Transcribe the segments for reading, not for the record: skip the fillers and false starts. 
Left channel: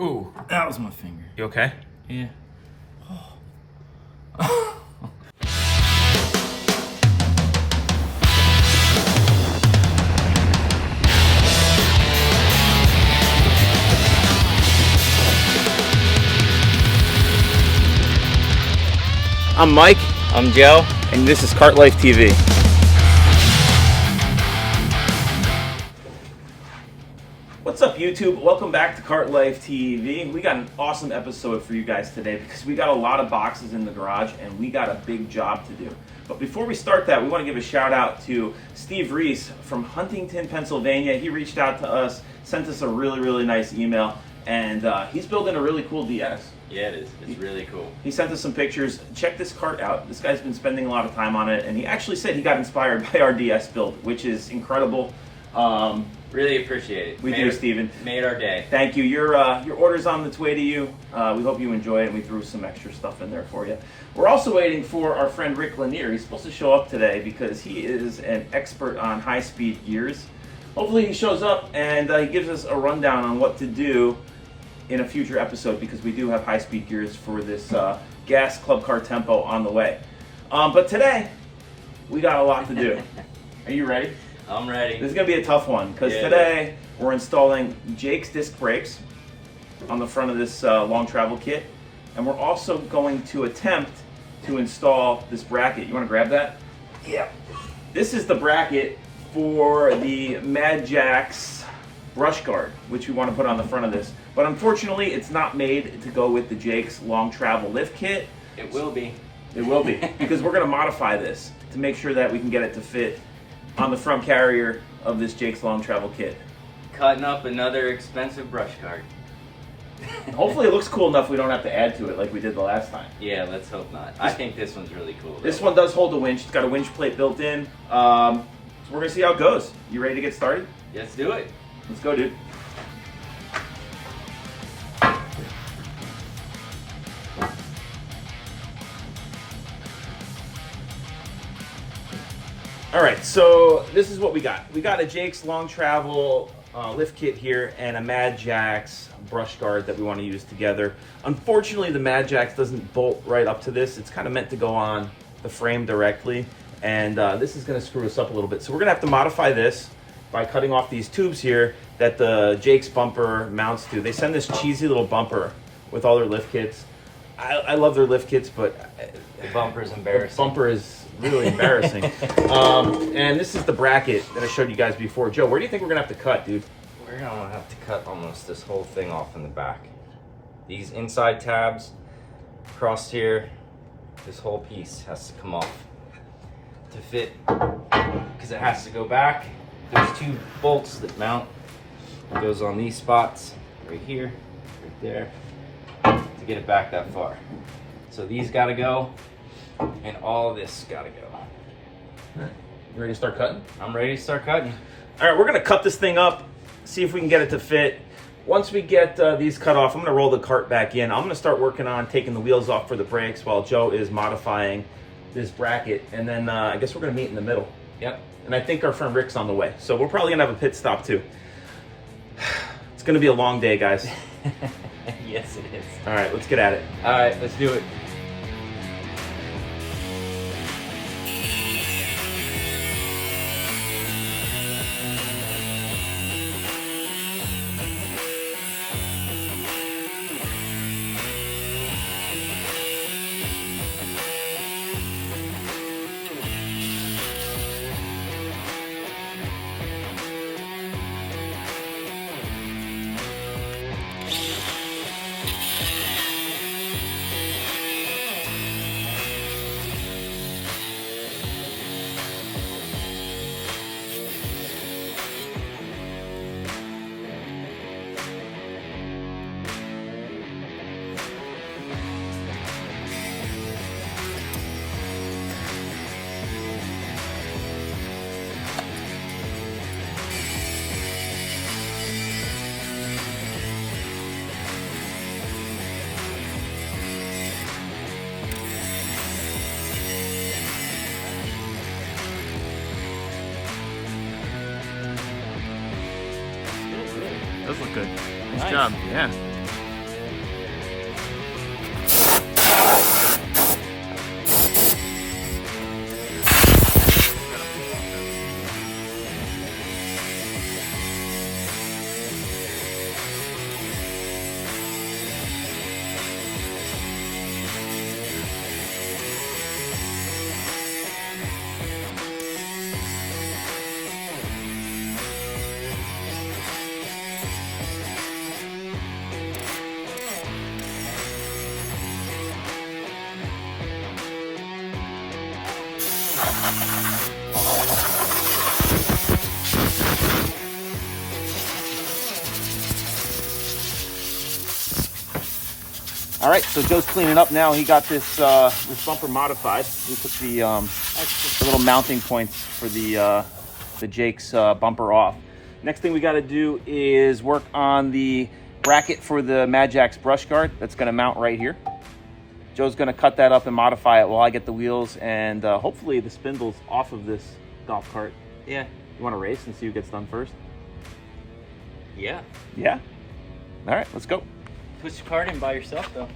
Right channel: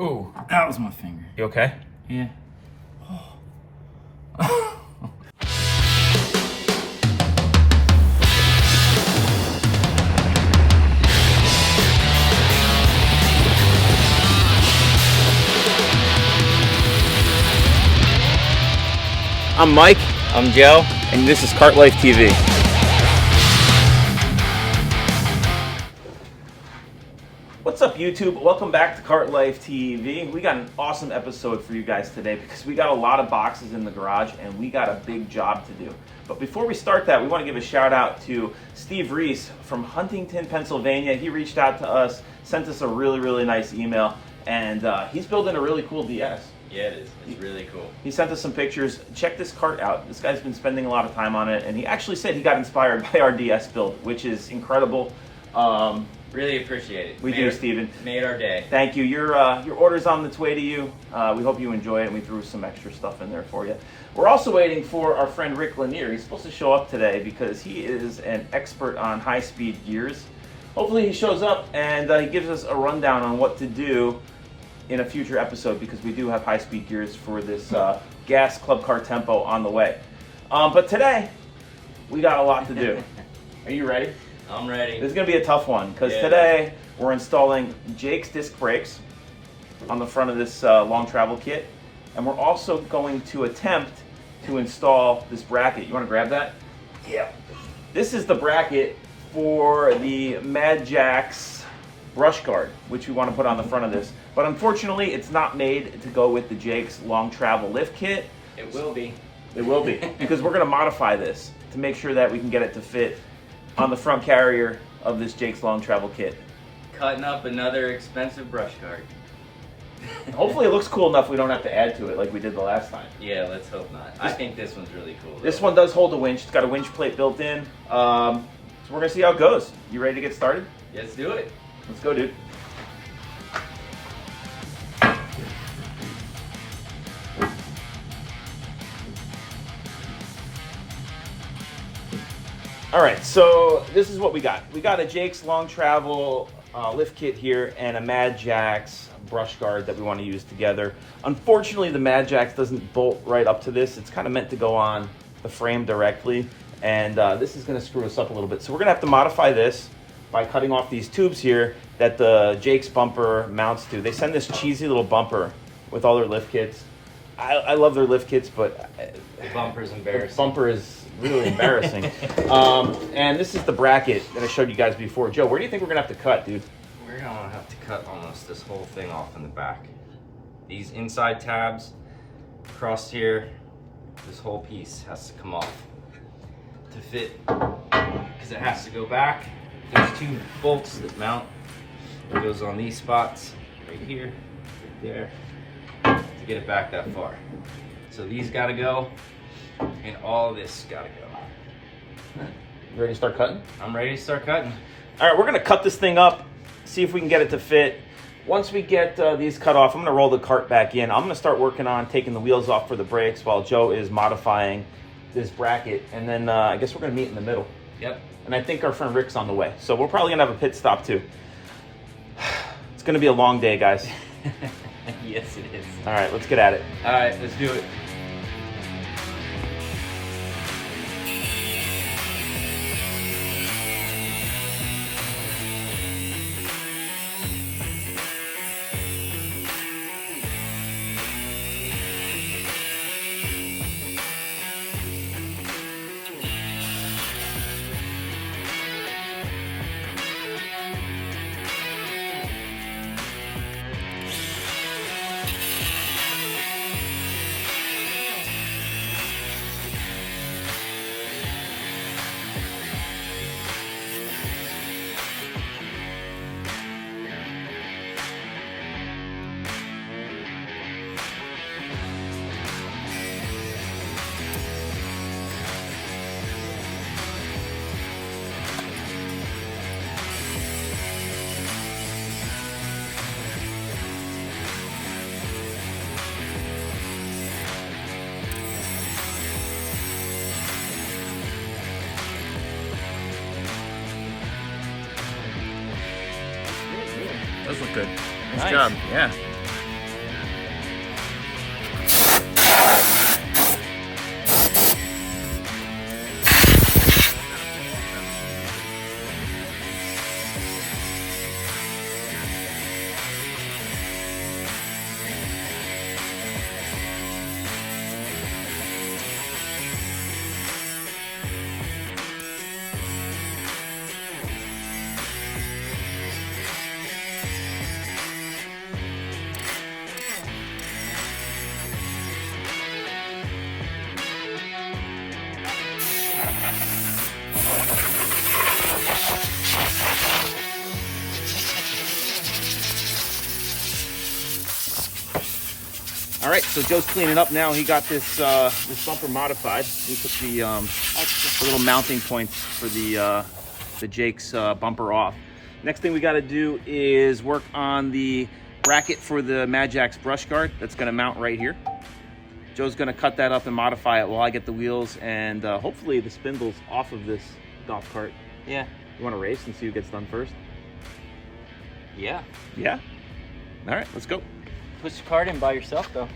Ooh. That was my finger. You okay? Yeah. I'm Mike. I'm Joe. And this is Kart Life TV. What's up, YouTube? Welcome back to Kart Life TV. We got an awesome episode for you guys today because we got a lot of boxes in the garage and we got a big job to do. But before we start that, we want to give a shout out to Steve Reese from Huntington, Pennsylvania. He reached out to us, sent us a really nice email, and he's building a really cool DS. Yeah, it is. It's really cool. He sent us some pictures. Check this cart out. This guy's been spending a lot of time on it, and he actually said he got inspired by our DS build, which is incredible. Really appreciate it. We do, Steven. Made our day. Thank you. Your order's on its way to you. We hope you enjoy it, and we threw some extra stuff in there for you. We're also waiting for our friend Rick Lanier. He's supposed to show up today because he is an expert on high-speed gears. Hopefully he shows up and he gives us a rundown on what to do in a future episode, because we do have high-speed gears for this gas club car tempo on the way. But today, we got a lot to do. Are you ready? I'm ready. This is going to be a tough one, because today we're installing Jake's disc brakes on the front of this long travel kit, and we're also going to attempt to install this bracket. You want to grab that? Yeah. This is the bracket for the Madjax brush guard, which we want to put on the front of this. But unfortunately, it's not made to go with the Jake's long travel lift kit. It will be. It will be, because we're going to modify this to make sure that we can get it to fit on the front carrier of this Jake's long travel kit. Cutting up another expensive brush card. Hopefully it looks cool enough we don't have to add to it like we did the last time. Yeah, let's hope not. I think this one's really cool. This one does hold a winch. It's got a winch plate built in. So we're going to see how it goes. You ready to get started? Let's do it. Let's go, dude. All right, so this is what we got. We got a Jake's long travel lift kit here and a Madjax brush guard that we want to use together. Unfortunately, the Madjax doesn't bolt right up to this. It's kind of meant to go on the frame directly, and this is going to screw us up a little bit. So we're going to have to modify this by cutting off these tubes here that the Jake's bumper mounts to. They send this cheesy little bumper with all their lift kits. I love their lift kits, but the bumper's embarrassing. The bumper is really embarrassing. And this is the bracket that I showed you guys before. Joe, where do you think we're gonna have to cut, dude? We're gonna have to cut almost this whole thing off in the back. These inside tabs across here, this whole piece has to come off to fit, because it has to go back. There's two bolts that mount. It goes on these spots right here, right there, to get it back that far. So these gotta go, and all this gotta go. You ready to start cutting? I'm ready to start cutting. All right, we're gonna cut this thing up, see if we can get it to fit. Once we get these cut off, I'm gonna roll the cart back in. I'm gonna start working on taking the wheels off for the brakes while Joe is modifying this bracket, and then I guess we're gonna meet in the middle. Yep. And I think our friend Rick's on the way, so we're probably gonna have a pit stop too. It's gonna be a long day, guys. Yes, it is. All right, let's get at it. All right, let's do it. Does look good. Nice Nice. job. Yeah. All right, so Joe's cleaning up now. He got this this bumper modified. We put the little mounting points for the Jake's bumper off. Next thing we got to do is work on the bracket for the Madjax brush guard. That's going to mount right here. Joe's going to cut that up and modify it while I get the wheels and hopefully the spindles off of this golf cart. Yeah. You want to race and see who gets done first? Yeah. Yeah? All right, let's go. Push the cart in by yourself, though.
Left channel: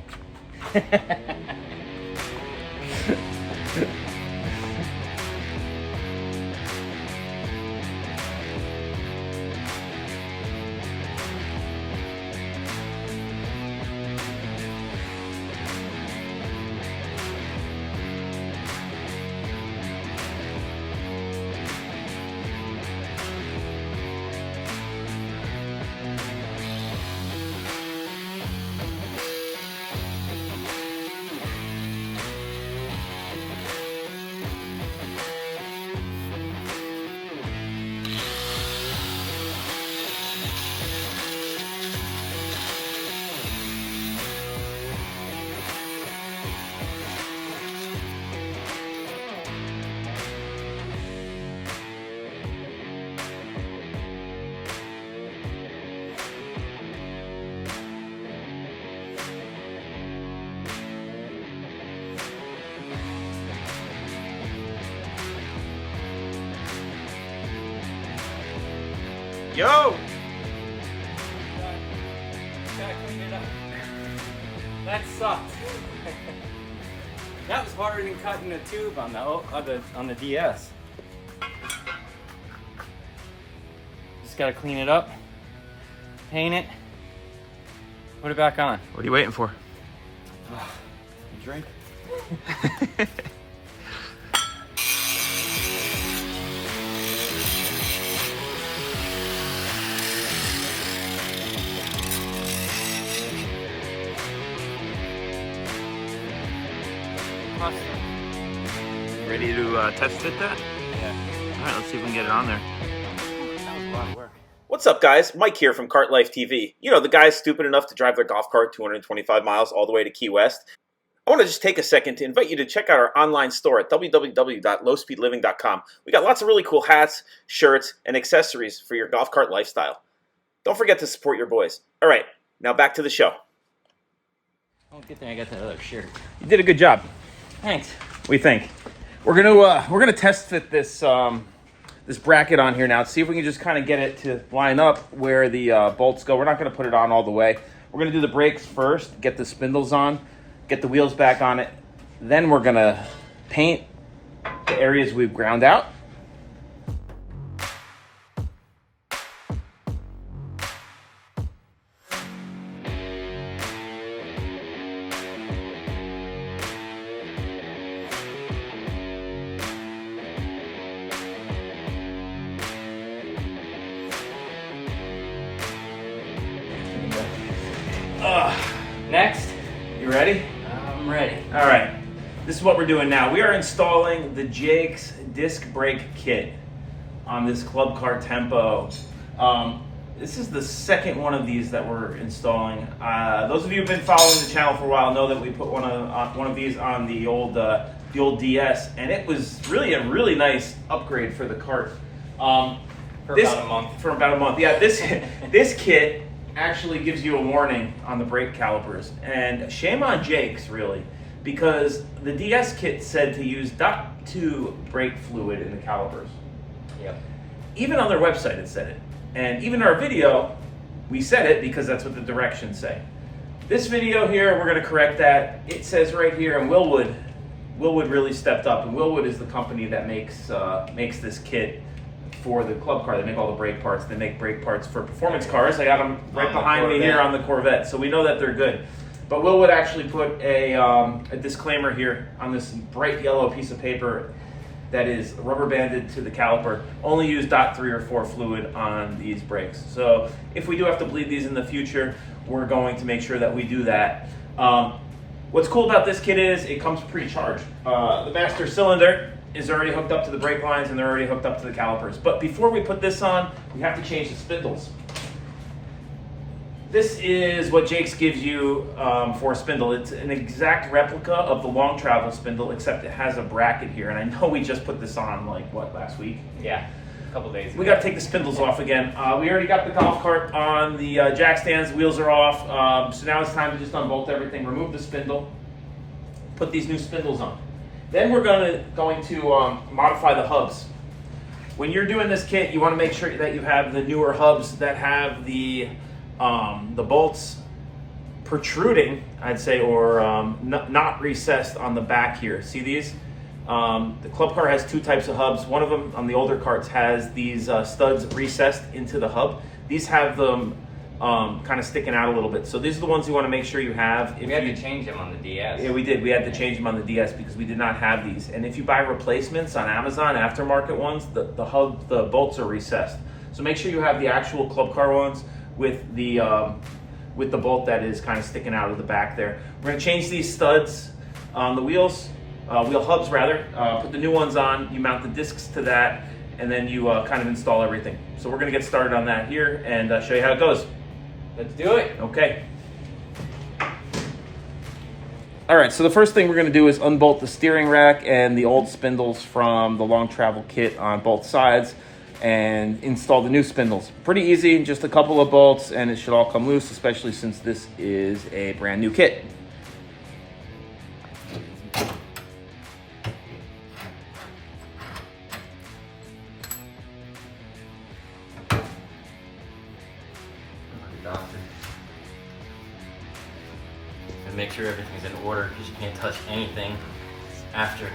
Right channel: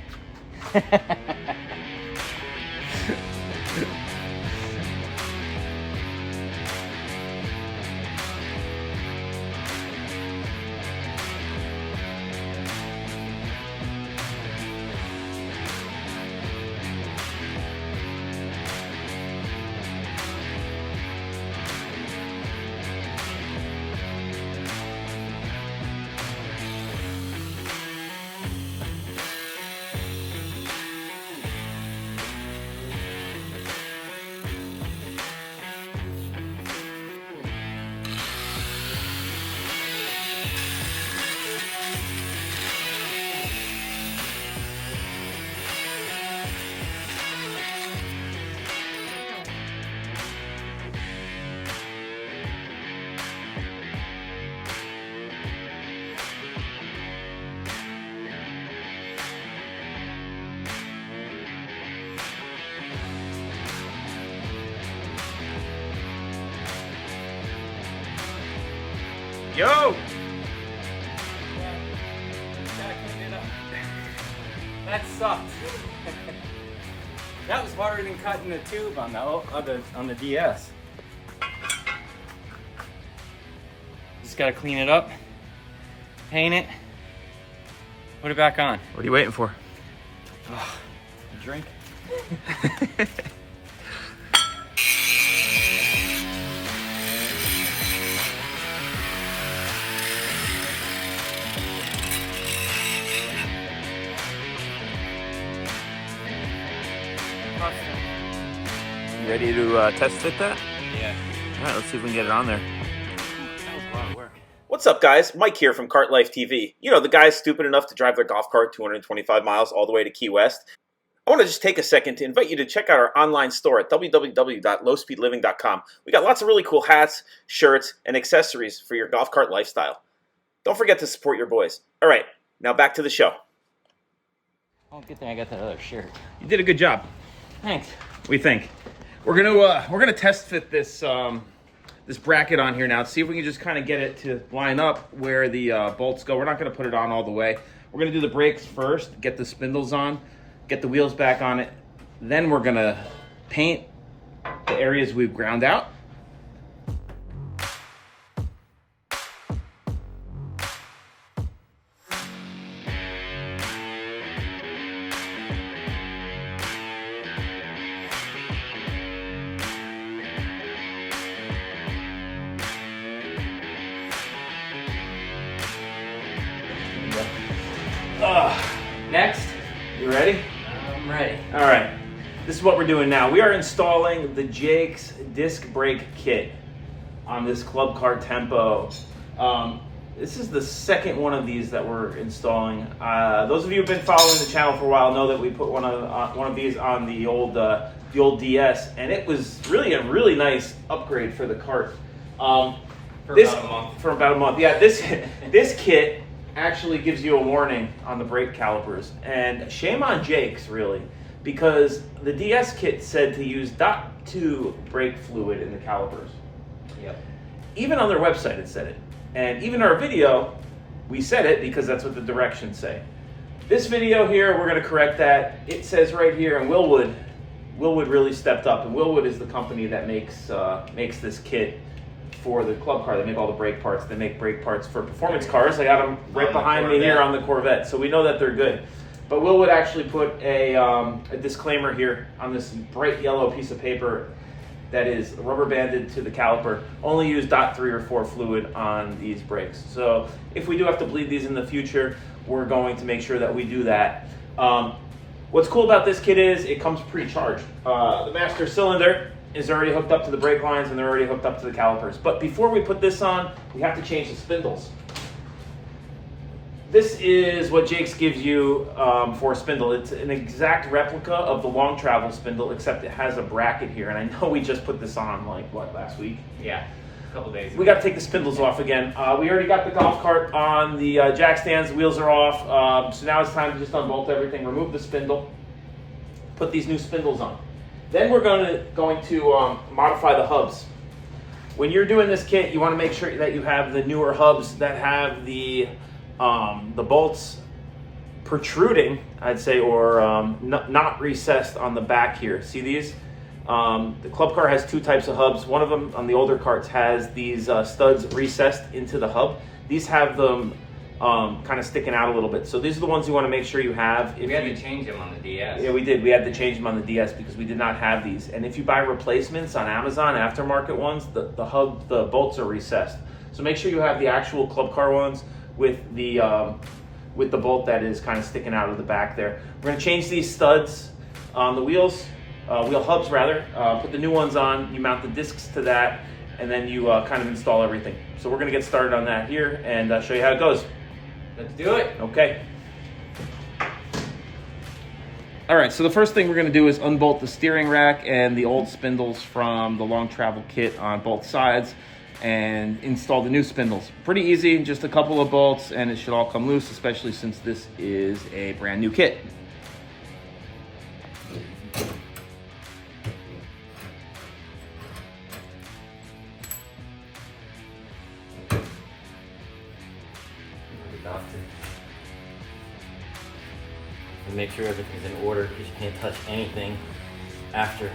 Yo! Gotta clean it up. That sucked. That was harder than cutting the tube on the DS. Just gotta clean it up, paint it, put it back on. What are you waiting for? A drink. You ready to test fit that? Yeah. All right, let's see if we can get it on there. That was a lot of work. What's up, guys? Mike here from Kart Life TV. You know, the guys stupid enough to drive their golf cart 225 miles all the way to Key West. I want to just take a second to invite you to check out our online store at www.lowspeedliving.com. We got lots of really cool hats, shirts, and accessories for your golf cart lifestyle. Don't forget to support your boys. All right, now back to the show. Oh, good thing I got that other shirt. You did a good job. Thanks. What do you think? We're gonna test fit this this bracket on here now. See if we can just kind of get it to line up where the bolts go. We're not gonna put it on all the way. We're gonna do the brakes first, get the spindles on, get the wheels back on it. Then we're gonna paint the areas we've ground out. Next. You ready? I'm ready. All right. This is what we're doing now. We are installing the Jake's disc brake kit on this Club Car Tempo. This is the second one of these that we're installing. Those of you who've been following the channel for a while know that we put one of these on the old DS, and it was really a really nice upgrade for the cart. For about a month. For about a month. Yeah. This kit actually gives you a warning on the brake calipers, and shame on Jake's really, because the DS kit said to use .2 brake fluid in the calipers. Yep. Even on their website it said it, and even our video we said it because that's what the directions say. This video here, we're going to correct that. It says right here, and Willwood really stepped up, and Willwood is the company that makes this kit for the club car. They make all the brake parts. They make brake parts for performance cars. I got them right behind me here on the Corvette, so we know that they're good. But Willwood actually put a disclaimer here on this bright yellow piece of paper that is rubber banded to the caliper. Only use .3 or 4 fluid on these brakes. So if we do have to bleed these in the future, we're going to make sure that we do that. What's cool about this kit is it comes pre-charged. The master cylinder is already hooked up to the brake lines and they're already hooked up to the calipers. But before we put this on, we have to change the spindles. This is what Jake's gives you for a spindle. It's an exact replica of the long travel spindle, except it has a bracket here. And I know we just put this on like, what, last week? Yeah, a couple days ago. We got to take the spindles off again. We already got the golf cart on the jack stands. The wheels are off. So now it's time to just unbolt everything, remove the spindle, put these new spindles on. Then we're going to modify the hubs. When you're doing this kit, you want to make sure that you have the newer hubs that have the bolts protruding, I'd say, or not recessed on the back here. See these? The club car has two types of hubs. One of them on the older carts has these studs recessed into the hub. These have them kind of sticking out a little bit. So these are the ones you want to make sure you have. We had to change them on the DS. Yeah, we did. We had to change them on the DS because we did not have these. And if you buy replacements on Amazon, aftermarket ones, the bolts are recessed. So make sure you have the actual club car ones with the bolt that is kind of sticking out of the back there. We're going to change these studs on the wheels, wheel hubs rather. Put the new ones on. You mount the discs to that, and then you kind of install everything. So we're going to get started on that here and show you how it goes. Let's do it. Okay. All right, so the first thing we're going to do is unbolt the steering rack and the old spindles from the long travel kit on both sides and install the new spindles. Pretty easy, just a couple of bolts and it should all come loose, especially since this is a brand new kit. And make sure everything's in order because you can't touch anything after.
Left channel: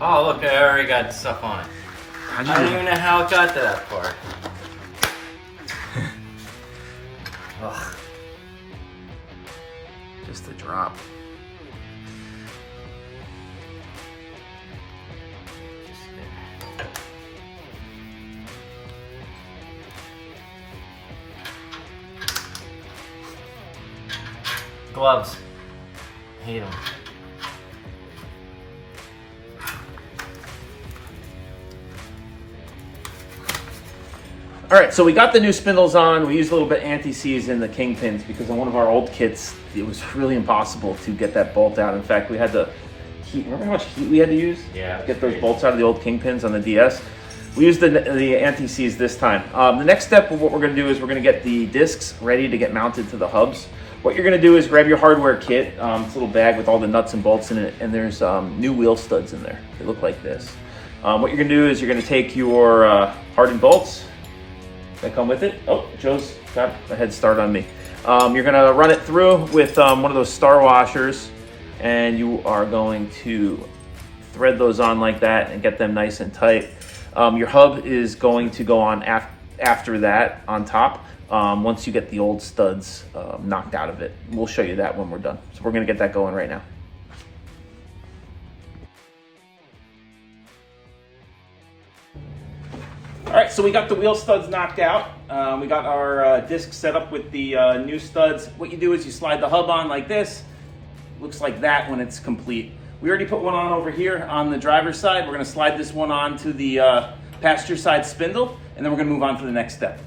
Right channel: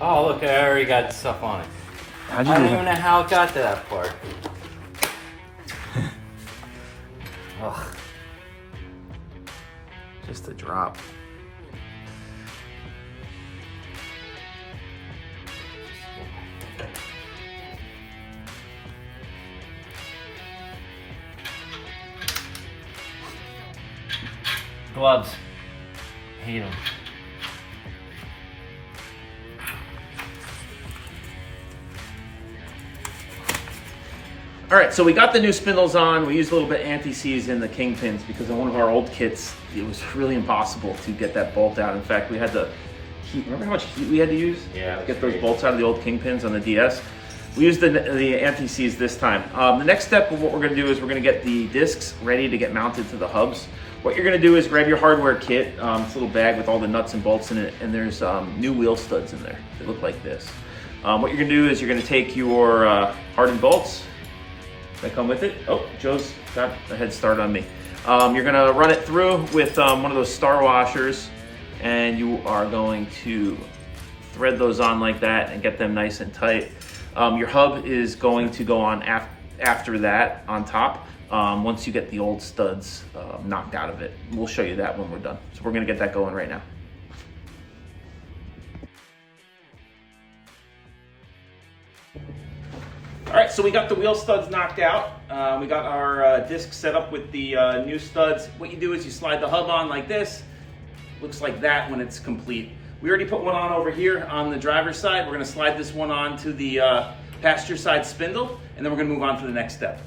Oh, look, I already got stuff on it. I don't even know how it got to that part. Ugh. Just a drop. Gloves. Hate them. All right, so we got the new spindles on. We used a little bit anti-seize in the kingpins because in one of our old kits, it was really impossible to get that bolt out. In fact, we had to heat. Remember how much heat we had to use? Yeah. To get those bolts out of the old kingpins on the DS. We used the anti-seize this time. The next step of what we're going to do is we're going to get the discs ready to get mounted to the hubs. What you're going to do is grab your hardware kit. It's a little bag with all the nuts and bolts in it, and there's new wheel studs in there. They look like this. What you're going to do is you're going to take your hardened bolts that come with it. Oh, Joe's got a head start on me. You're going to run it through with one of those star washers, and you are going to thread those on like that and get them nice and tight. Your hub is going to go on after that on top. Once you get the old studs knocked out of it. We'll show you that when we're done. So we're gonna get that going right now. All right, so we got the wheel studs knocked out. We got our disc set up with the new studs. What you do is you slide the hub on like this. Looks like that when it's complete. We already put one on over here on the driver's side. We're gonna slide this one on to the passenger side spindle, and then we're gonna move on to the next step.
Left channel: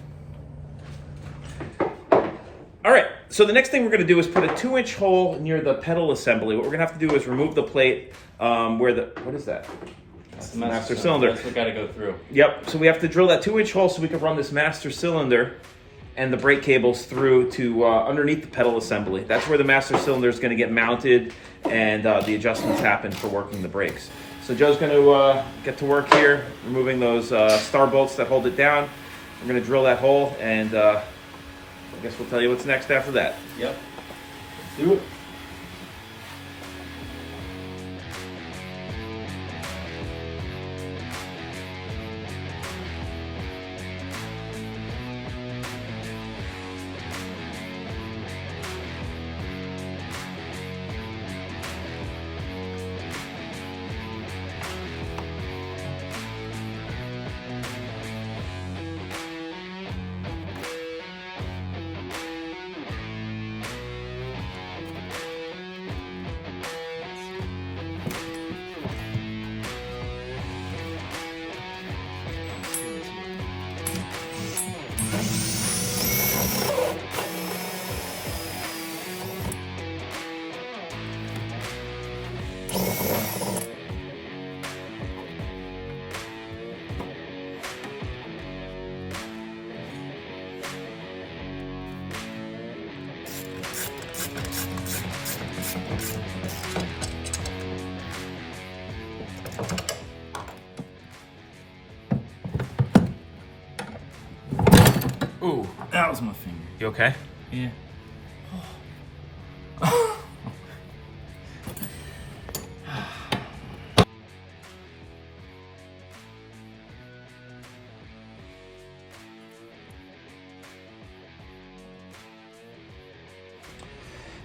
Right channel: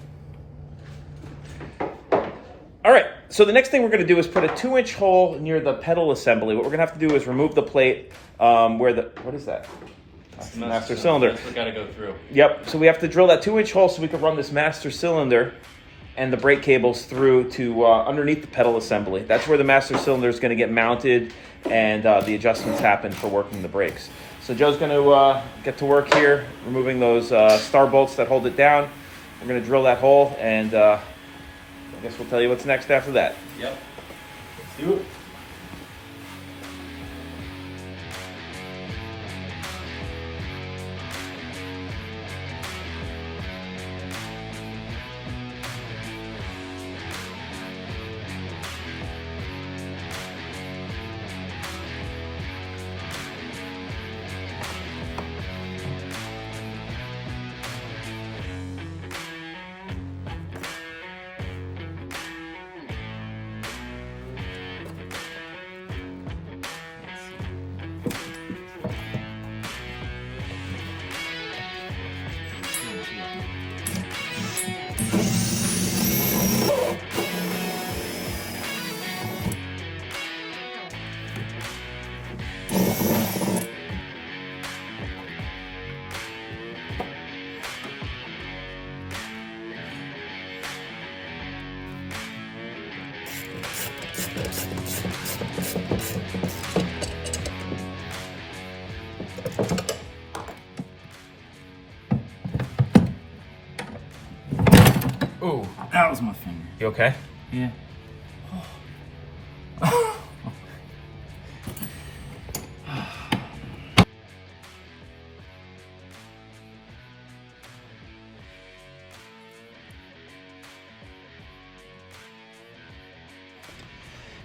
All right, so the next thing we're going to do is put a 2-inch hole near the pedal assembly. What we're going to have to do is remove the plate where the, what is that? That's the master cylinder. That's what got to go through. Yep, so we have to drill that 2-inch hole so we can run this master cylinder and the brake cables through to underneath the pedal assembly. That's where the master cylinder is going to get mounted and the adjustments happen for working the brakes. So Joe's going to get to work here, removing those star bolts that hold it down. We're going to drill that hole and I guess we'll tell you what's next after that. Yep. Let's do it. was my finger. You okay? Yeah.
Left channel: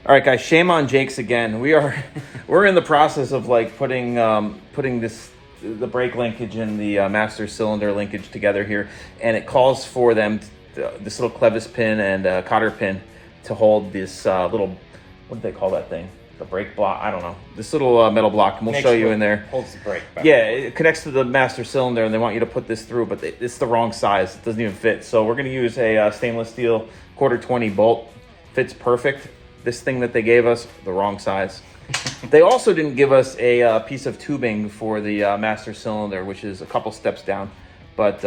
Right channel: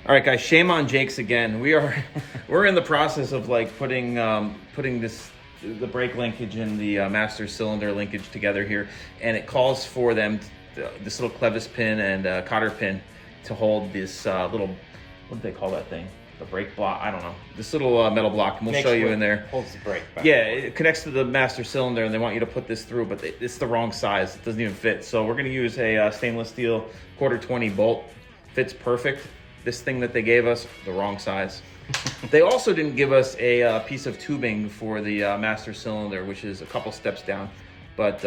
All right, guys, shame on Jake's again. We're in the process of like putting the brake linkage and the master cylinder linkage together here, and it calls for them this little clevis pin and cotter pin to hold this little, what do they call that thing? The brake block? I don't know. This little metal block, and we'll show you in there. Holds the brake back. Yeah, it connects to the master cylinder, and they want you to put this through, but it's the wrong size. It doesn't even fit. So we're going to use a stainless steel 1/4-20 bolt. Fits perfect. This thing that they gave us, the wrong size. They also didn't give us a piece of tubing for the master cylinder, which is a couple steps down. But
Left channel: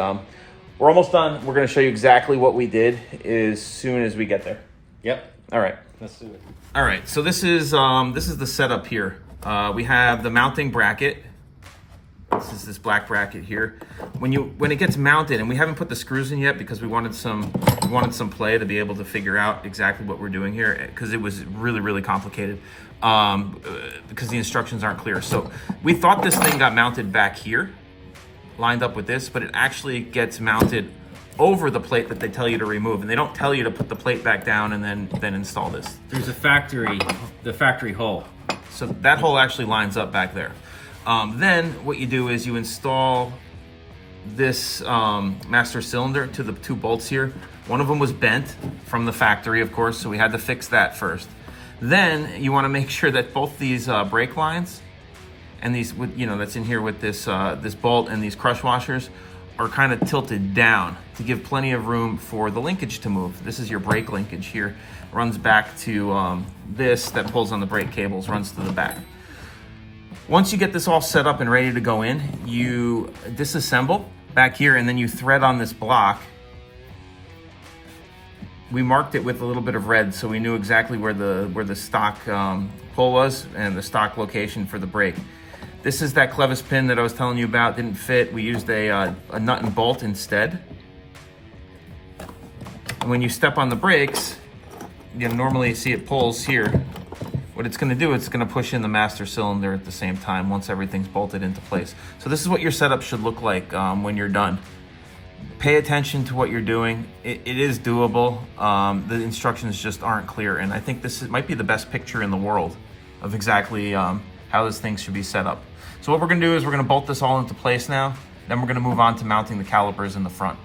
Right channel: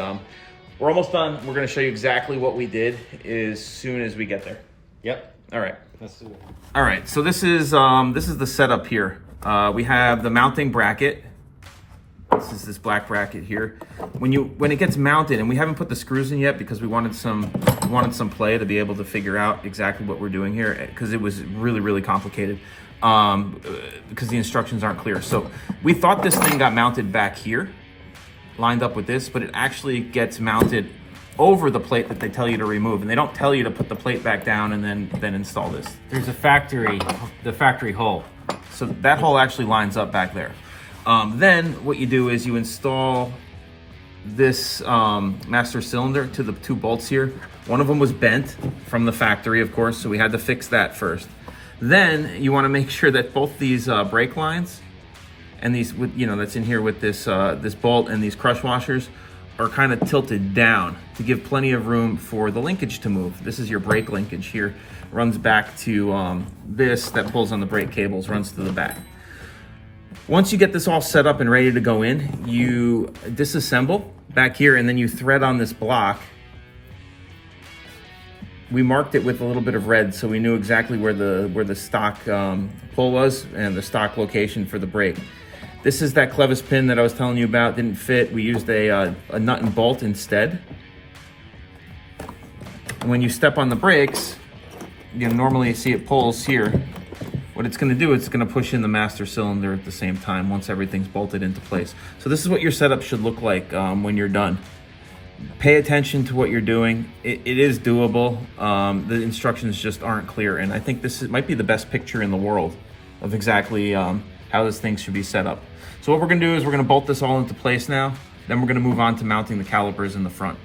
we're almost done. We're going to show you exactly what we did as soon as we get there. Yep. All right. Let's do it. All right. So this is the setup here. We have the mounting bracket. This is this black bracket here. When it gets mounted, and we haven't put the screws in yet because we wanted some play to be able to figure out exactly what we're doing here, because it was really complicated because the instructions aren't clear. So we thought this thing got mounted back here, lined up with this, but it actually gets mounted over the plate that they tell you to remove, and they don't tell you to put the plate back down and then install this. There's the factory hole. So that hole actually lines up back there. Then what you do is you install this master cylinder to the 2 bolts here. One of them was bent from the factory, of course, so we had to fix that first. Then you want to make sure that both these brake lines and these, that's in here with this this bolt and these crush washers are kind of tilted down to give plenty of room for the linkage to move. This is your brake linkage here. Runs back to this that pulls on the brake cables, runs to the back. Once you get this all set up and ready to go in, you disassemble back here, and then you thread on this block. We marked it with a little bit of red so we knew exactly where the stock pull was and the stock location for the brake. This is that clevis pin that I was telling you about. Didn't fit. We used a nut and bolt instead. And when you step on the brakes, normally you see it pulls here. What it's going to do, it's going to push in the master cylinder at the same time once everything's bolted into place. So this is what your setup should look like when you're done. Pay attention to what you're doing. It is doable. The instructions just aren't clear, and I think might be the best picture in the world of exactly how this thing should be set up. So what we're going to do is we're going to bolt this all into place now. Then we're going to move on to mounting the calipers in the front.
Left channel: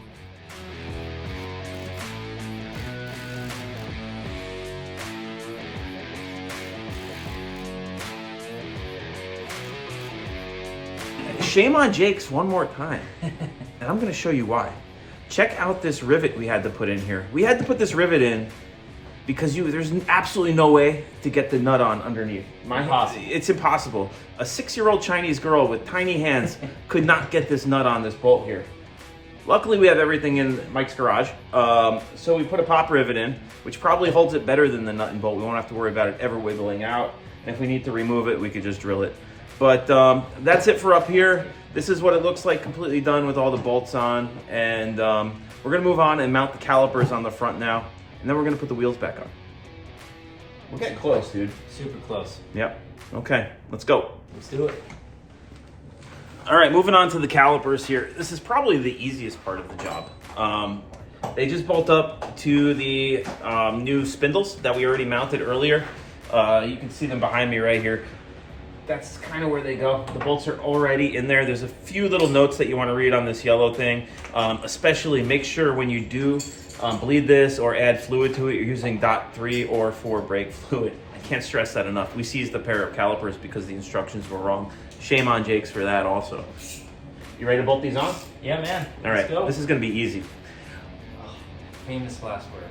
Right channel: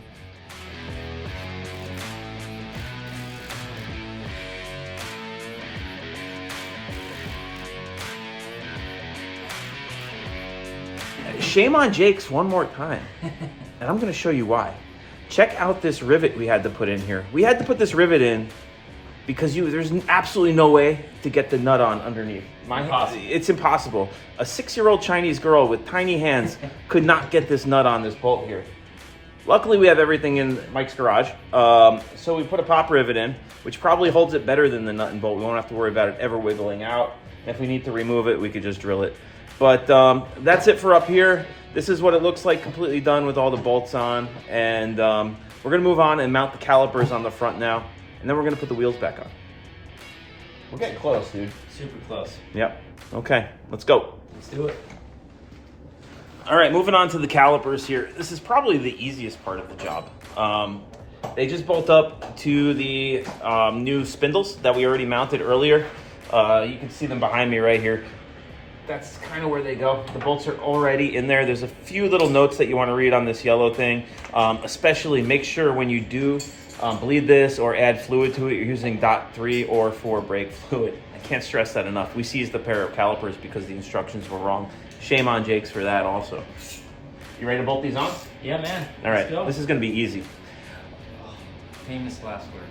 Shame on Jake's one more time, and I'm going to show you why. Check out this rivet we had to put in here. We had to put this rivet in because there's absolutely no way to get the nut on underneath. It's impossible. A 6-year-old Chinese girl with tiny hands could not get this nut on this bolt here. Luckily, we have everything in Mike's garage, so we put a pop rivet in, which probably holds it better than the nut and bolt. We won't have to worry about it ever wiggling out. And if we need to remove it, we could just drill it. But that's it for up here. This is what it looks like completely done with all the bolts on. And we're gonna move on and mount the calipers on the front now. And then we're gonna put the wheels back on. We're getting close, dude. Super close. Yep. Okay, let's go. Let's do it. All right, moving on to the calipers here. This is probably the easiest part of the job. They just bolt up to the new spindles that we already mounted earlier. You can see them behind me right here. That's kind of where they go. The bolts are already in there. There's a few little notes that you want to read on this yellow thing. Especially make sure when you do bleed this or add fluid to it, you're using .3 or 4 brake fluid. I can't stress that enough. We seized a pair of calipers because the instructions were wrong. Shame on Jake's for that also. You ready to bolt these on? Yeah, man. All right, Let's go. this is gonna be easy. Famous last words.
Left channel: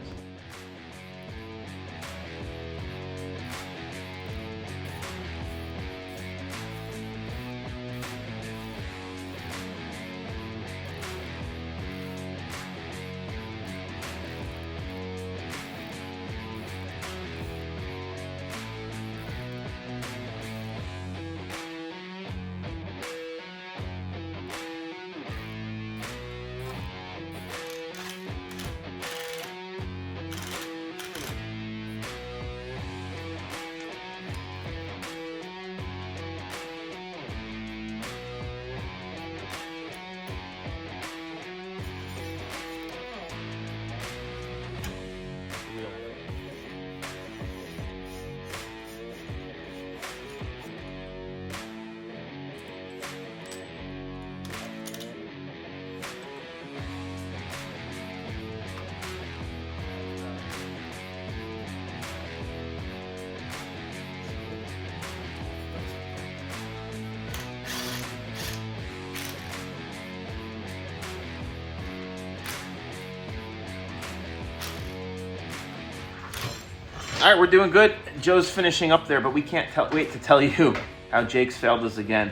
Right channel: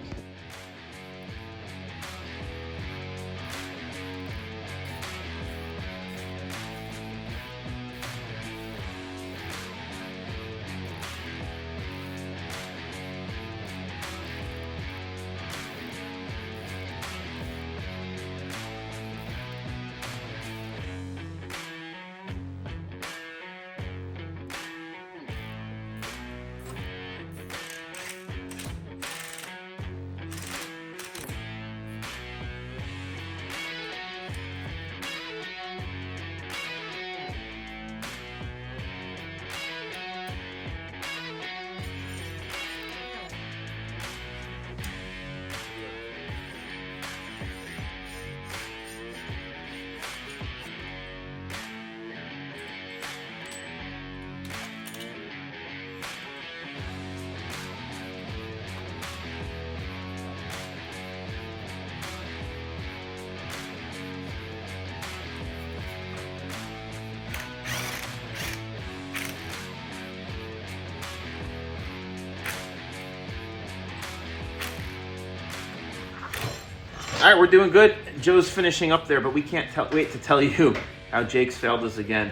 All right, we're doing good. Joe's finishing up there, but we can't wait to tell you how Jake's failed us again.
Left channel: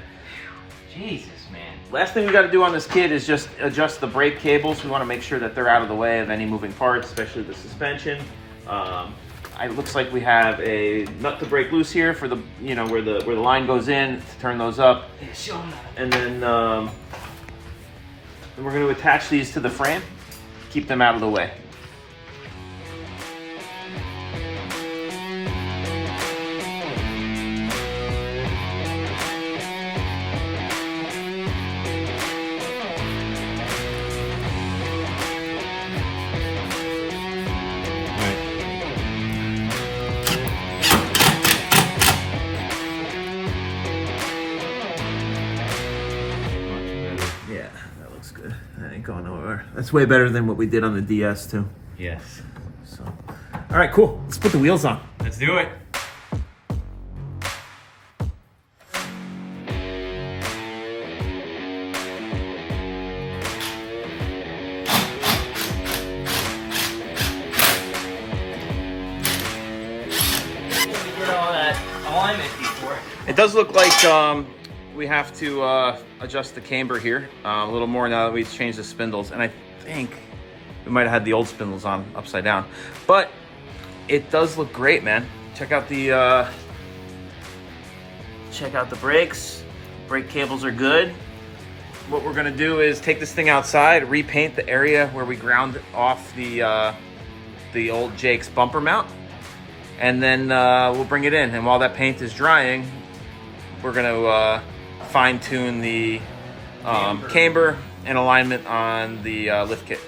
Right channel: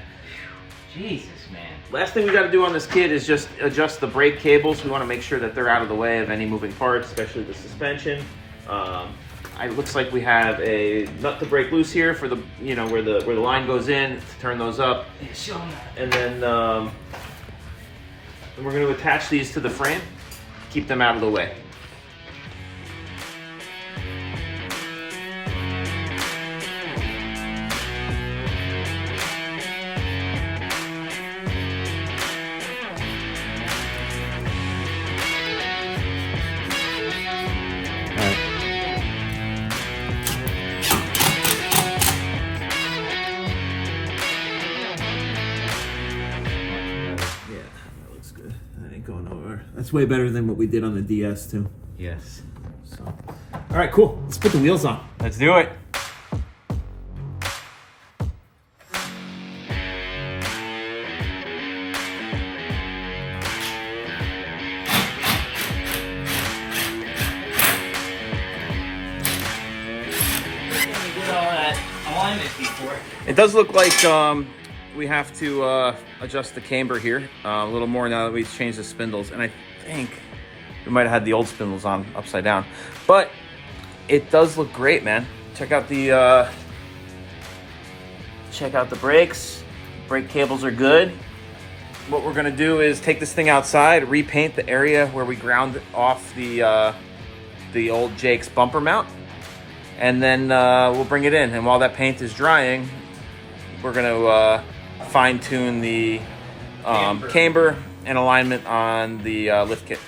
Jesus, man. Last thing we got to do on this kit is just adjust the brake cables. We want to make sure that they're out of the way of any moving parts, especially the suspension. It looks like we have a nut to break loose here for the, you know, where the line goes in to turn those up. Yeah, show them that. And then we're going to attach these to the frame, keep them out of the way. Yeah, that looks good. That ain't going nowhere. That's way better than what we did on the DS too. Yes. So, all right, cool. Let's put the wheels on. Let's do it. It does look like we have to adjust the camber here a little more now that we've changed the spindles, and I think we might have had the old spindles on upside down, but it does look great, man. Check out the brakes. Brake cables are good. What we're gonna do is take this thing outside, repaint the area where we ground off the old Jake's bumper mount, and then we'll bring it in. And while that paint is drying, we're gonna fine tune the camber and alignment on the lift kit.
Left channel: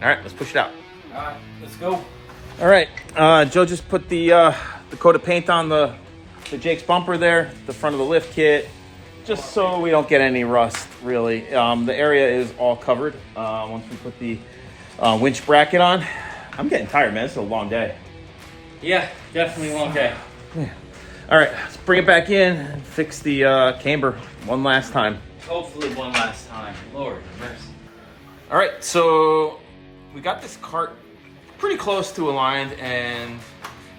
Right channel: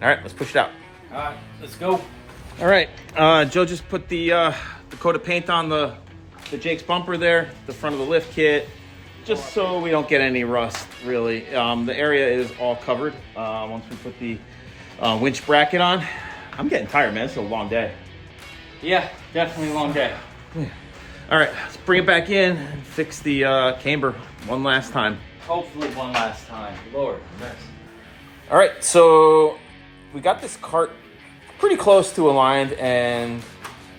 All right, let's push it out. All right, let's go. All right, Joe just put the coat of paint on the Jake's bumper there, the front of the lift kit, just so we don't get any rust, really. The area is all covered once we put the winch bracket on. I'm getting tired, man. It's a long day. Yeah, definitely a long day. Yeah. All right, let's bring it back in and fix the camber one last time. Hopefully one last time. Lord mercy. All right, so we got this cart pretty close to aligned and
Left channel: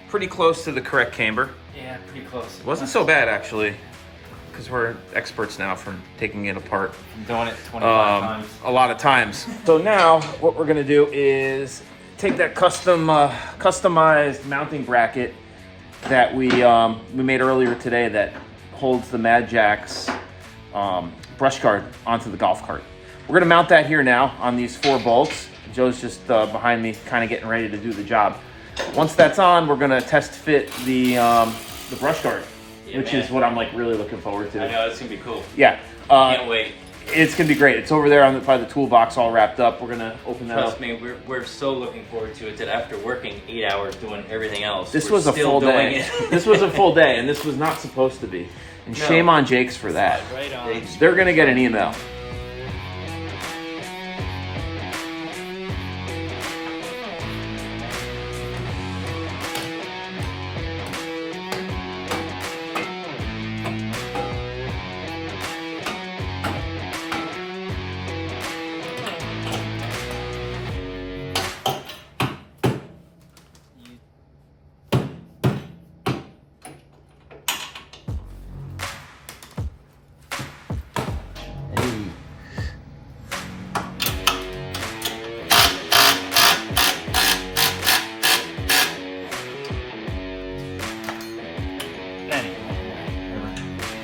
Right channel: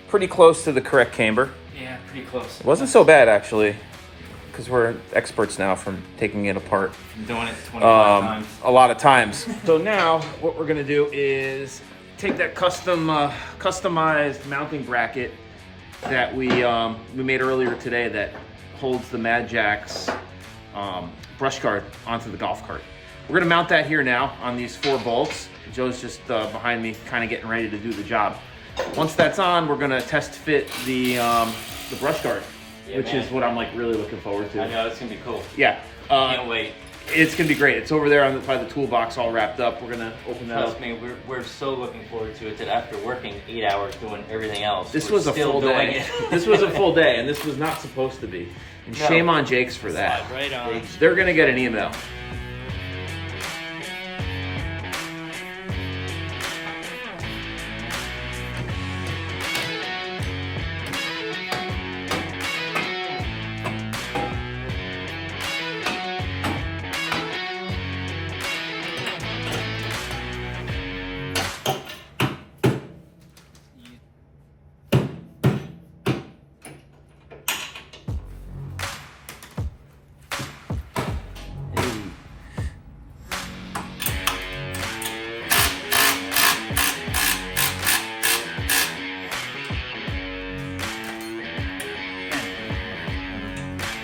pretty close to the correct camber. Yeah, pretty close. It wasn't so bad, actually, because we're experts now from taking it apart. Been doing it 25 times. A lot of times. So now what we're gonna do is take that customized mounting bracket that we made earlier today that holds the Madjax brush guard onto the golf cart. We're gonna mount that here now on these 4 bolts. Joe's just behind me, kind of getting ready to do the job. Once that's on, we're gonna test fit the brush guard, which is what I'm like really looking forward to. I know, it's gonna be cool. Yeah. Can't wait. It's gonna be great. It's over there by the toolbox, all wrapped up. We're gonna open that Trust up. me, we're so looking forward to it that after working 8 hours doing everything else, This we're was a still full doing day. it. This was a full day, and this was not supposed to be. And No. shame on Jake's for that. Right on. They're gonna get an email.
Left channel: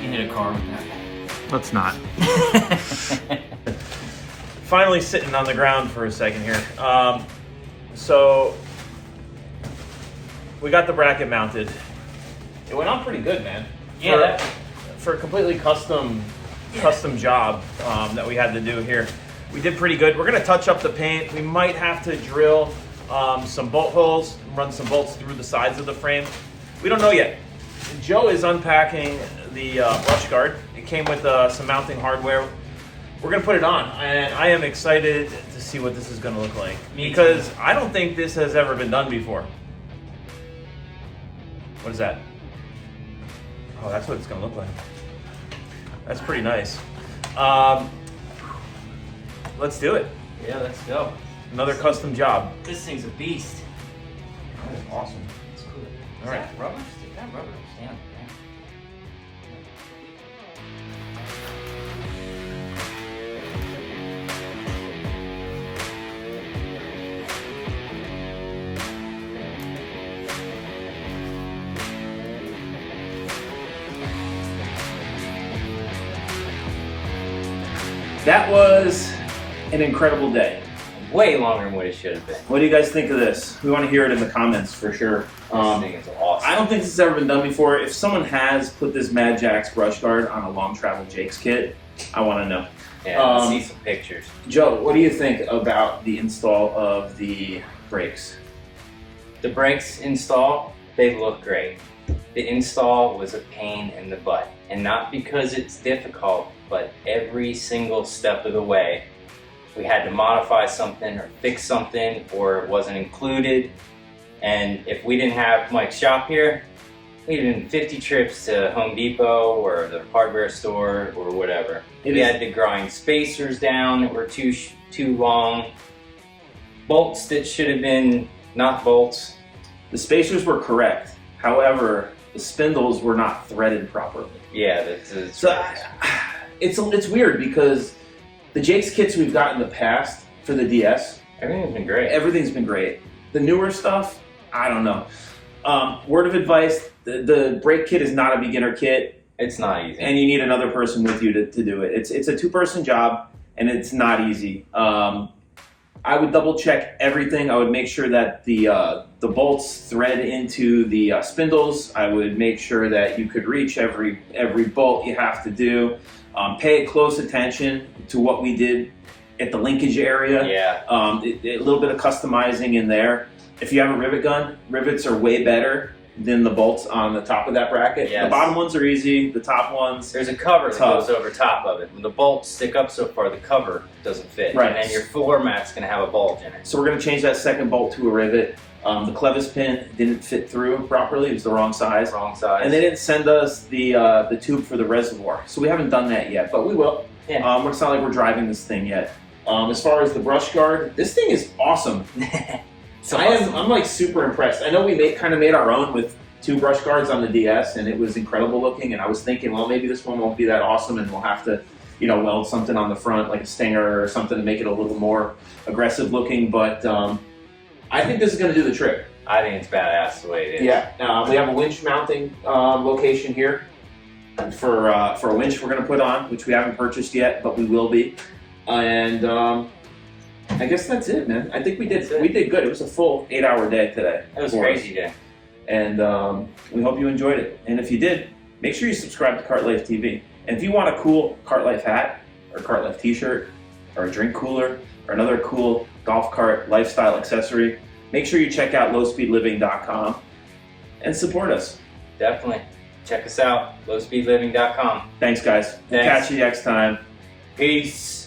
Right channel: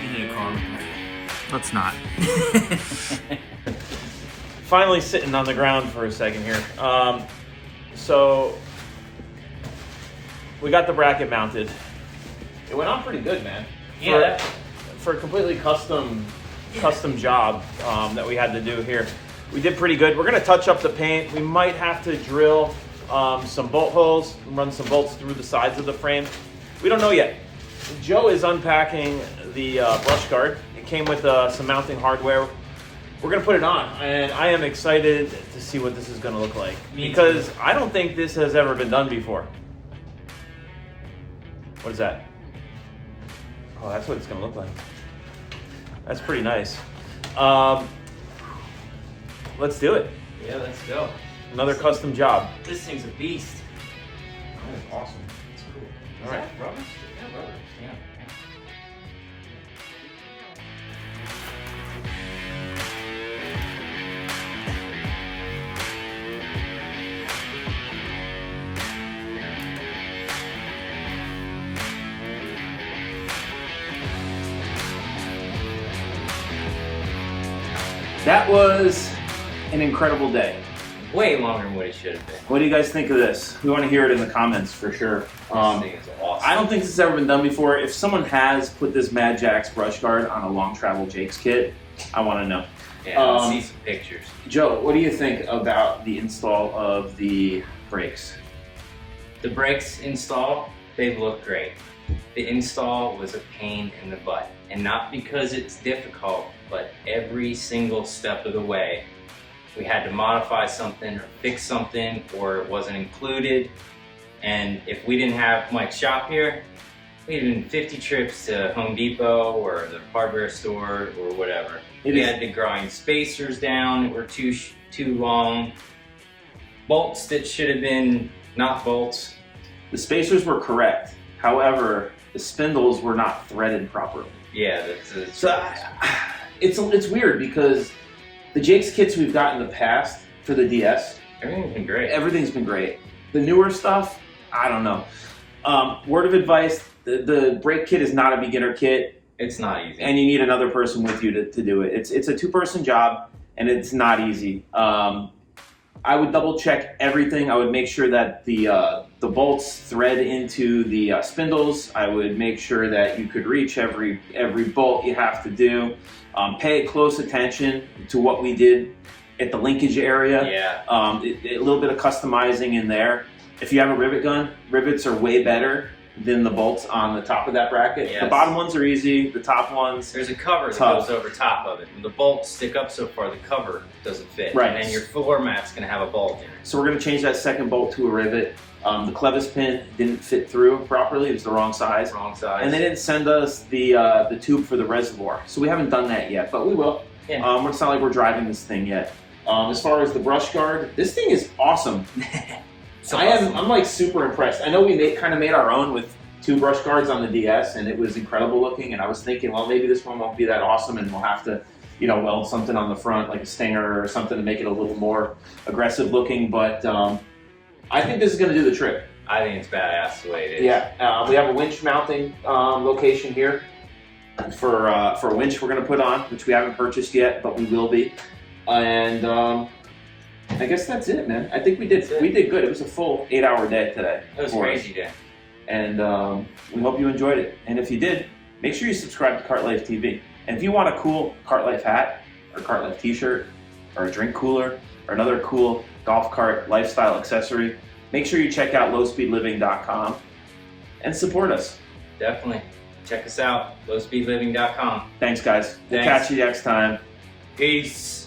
You need a car with me. Let's not. Finally sitting on the ground for a second here. So we got the bracket mounted. It went on pretty good, man. Yeah. For a completely custom job that we had to do here. We did pretty good. We're gonna touch up the paint. We might have to drill some bolt holes, run some bolts through the sides of the frame. We don't know yet. Joe is unpacking the brush guard. It came with some mounting hardware. We're gonna put it on, and I am excited to see what this is gonna look like. Because I don't think this has ever been done before. What is that? Oh, that's what it's gonna look like. That's pretty nice. Let's do it. Yeah, let's go. Another custom job. This thing's a beast. That is awesome. It's cool. All right. Rubber? Is that rubber? Yeah. That was an incredible day. Way longer than what it should have been. What do you guys think of this? We want to hear it in the comments for sure. This thing is awesome. I don't think this has ever been done before. If someone has put this Madjax brush guard on a long travel Jake's kit, I want to know. Yeah, let's see some pictures. Joe, what do you think about the install of the brakes? The brakes install, they look great. The install was a pain in the butt. And not because it's difficult, but every single step of the way, we had to modify something or fix something or it wasn't included. And if we didn't have Mike's shop here, we'd have been 50 trips to Home Depot or the hardware store or whatever. We had to grind spacers down that were too long. Bolts that should have been not bolts. The spacers were correct. However, the spindles were not threaded properly. Yeah, that's So it's weird because the Jake's kits we've got in the past for the DS, everything's been great. everything's been great. The newer stuff, I don't know. Word of advice, the brake kit is not a beginner kit. It's not easy. And you need another person with you to do it. It's a two-person job, and it's not easy. I would double check everything. I would make sure that the bolts thread into the spindles. I would make sure that you could reach every bolt you have to do. Pay close attention to what we did at the linkage area. Yeah. A little bit of customizing in there. If you have a rivet gun, rivets are way better than the bolts on the top of that bracket. Yes. The bottom ones are easy. The top ones, There's a cover that tough. goes over top of it. When the bolts stick up so far, the cover doesn't fit. Right. And then your floor mat's going to have a bolt in it. So we're going to change that second bolt to a rivet. The clevis pin didn't fit through properly. It was the wrong size. Wrong size. And they didn't send us the tube for the reservoir. So we haven't done that yet, but we will. Yeah. It's not like we're driving this thing yet. As far as the brush guard, this thing is awesome. I'm like super impressed. I know we kind of made our own with 2 brush guards on the DS, and it was incredible looking. And I was thinking, well, maybe this one won't be that awesome, and we'll have to, weld something on the front, like a stinger or something, to make it a little more aggressive looking. But I think this is going to do the trick. I think it's badass the way it is. Yeah, we have a winch mounting location here for a winch we're going to put on, which we haven't purchased yet, but we will be. And I guess that's it, man. I think we did good. It was a full 8-hour day today. It was a crazy day. And we hope you enjoyed it. And if you did, make sure you subscribe to Cart Life TV. And if you want a cool Cart Life hat, or Cart Life t-shirt, or a drink cooler, or another cool golf cart lifestyle accessory, make sure you check out lowspeedliving.com and support us. Definitely. Check us out, lowspeedliving.com. Thanks, guys. We'll Thanks. catch you next time. Peace.